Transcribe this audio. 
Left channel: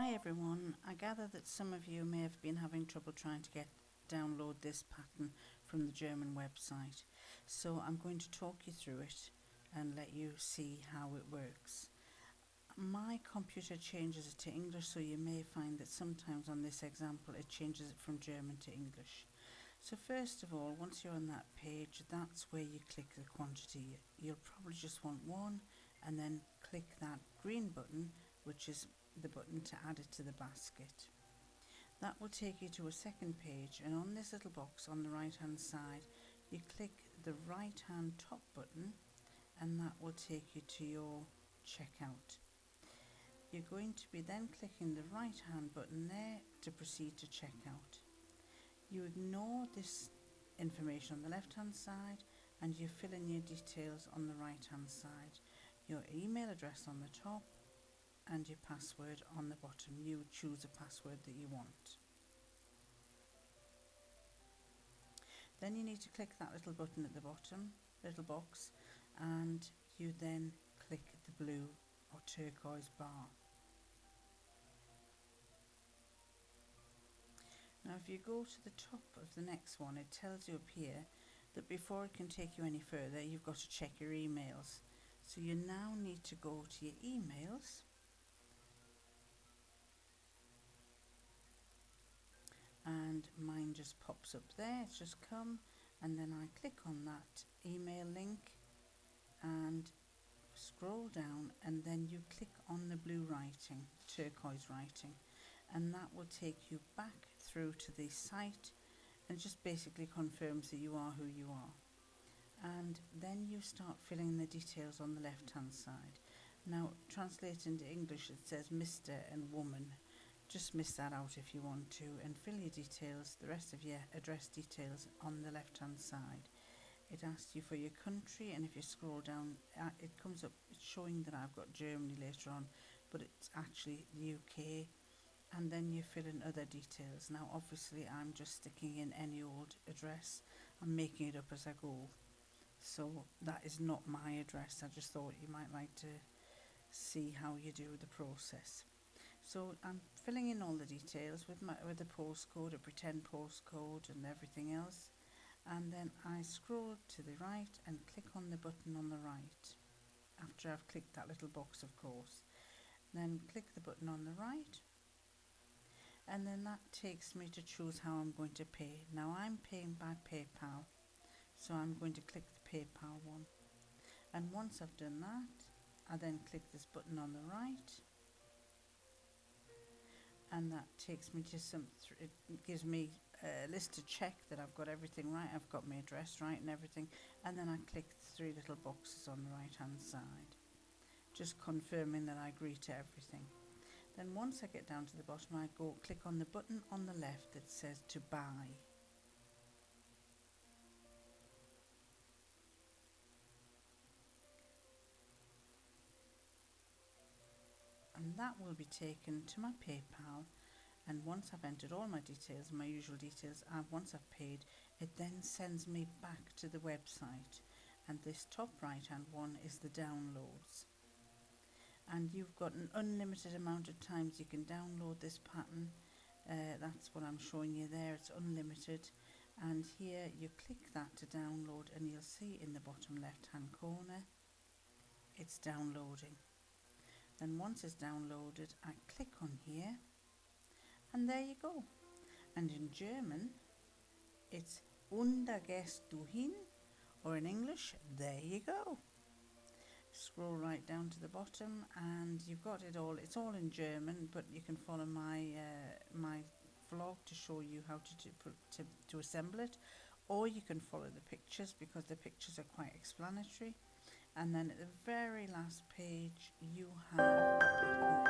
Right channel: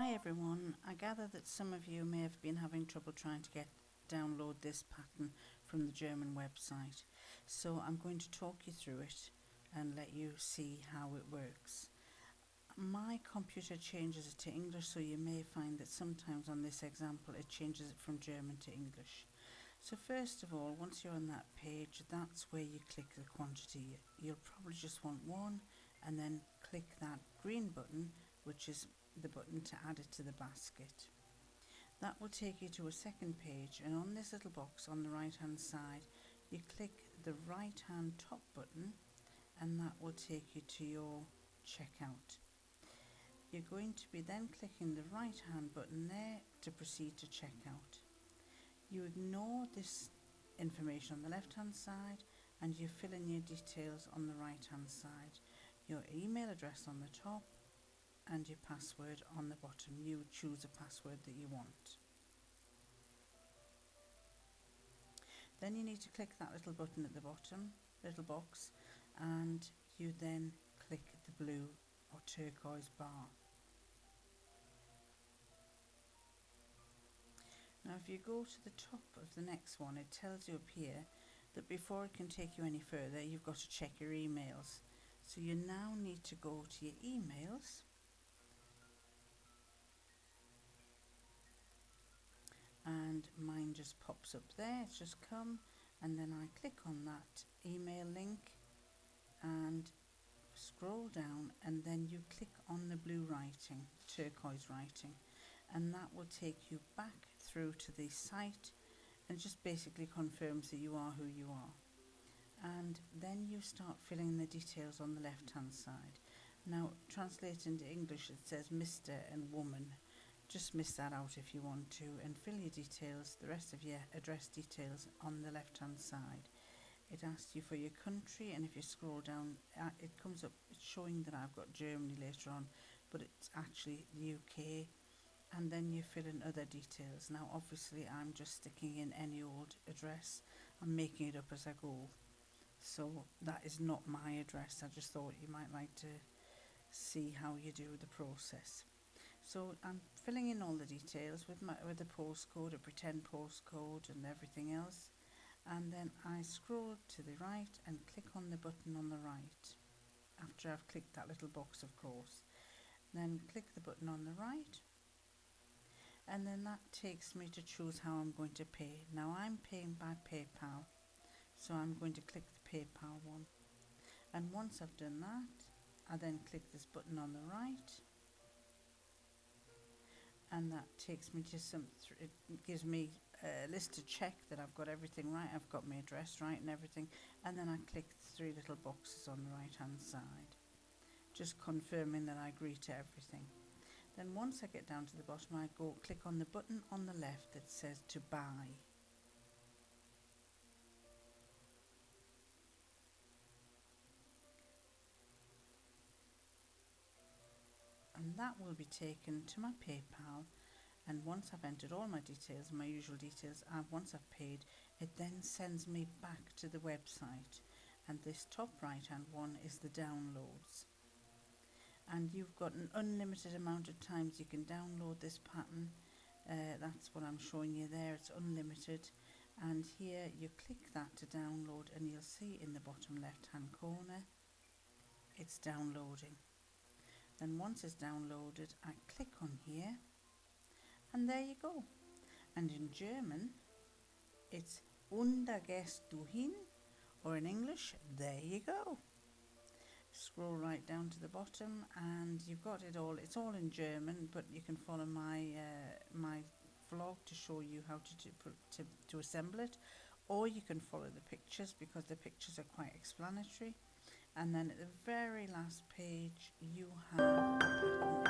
Hi everyone, I gather that some of you may have been having trouble trying to download this pattern from the German website. So I'm going to talk you through it and let you see how it works. My computer changes it to English, so you may find that sometimes on this example it changes it from German to English. So first of all, once you're on that page, that's where you click the quantity. You'll probably just want one, and then click that green button, which is the button to add it to the basket. That will take you to a second page, and on this little box on the right hand side you click the right hand top button, and that will take you to your checkout. You're going to be then clicking the right hand button there to proceed to checkout. You ignore this information on the left hand side and you fill in your details on the right hand side. Your email address on the top and your password on the bottom. You choose a password that you want. Then you need to click that little button at the bottom, little box, and you then click the blue or turquoise bar. Now if you go to the top of the next one, it tells you up here that before it can take you any further, you've got to check your emails. So you now need to go to your emails and mine just pops up there. It's just come, and then I click on that email link and scroll down, and then you click on the blue writing, turquoise writing, and that will take you back through to the site and just basically confirms that you are who you are. And then you start filling the details on the left hand side. Now translated into English it says Mr. and woman. Just miss that out if you want to, and fill your details, the rest of your address details on the left hand side. It asks you for your country, and if you scroll down it comes up showing that I've got Germany later on, but it's actually the UK. And then you fill in other details. Now obviously I'm just sticking in any old address. I'm making it up as I go, so that is not my address. I just thought you might like to see how you do the process. So I'm filling in all the details with the postcode, a pretend postcode and everything else, and then I scroll to the right and click on the button on the right after I've clicked that little box, of course. Then click the button on the right, and then that takes me to choose how I'm going to pay. Now I'm paying by PayPal, so I'm going to click the PayPal one, and once I've done that I then click this button on the right, and that takes me to it gives me a list to check that I've got everything right. I've got my address right and everything, and then I click the three little boxes on the right hand side, just confirming that I agree to everything. Then once I get down to the bottom, I click on the button on the left that says to buy. And that will be taken to my PayPal, and once I've entered all my details, my usual details, once I've paid, it then sends me back to the website, and this top right hand one is the downloads. And you've got an unlimited amount of times you can download this pattern. That's what I'm showing you there, it's unlimited. And here you click that to download, and you'll see in the bottom left hand corner it's downloading. Then once it's downloaded, I click on here, and there you go. And in German it's und da gehst du hin, or in English, there you go. Scroll right down to the bottom and you've got it all. It's all in German, but you can follow my my vlog to show you how to assemble it, or you can follow the pictures because the pictures are quite explanatory. And then at the very last page you have the pattern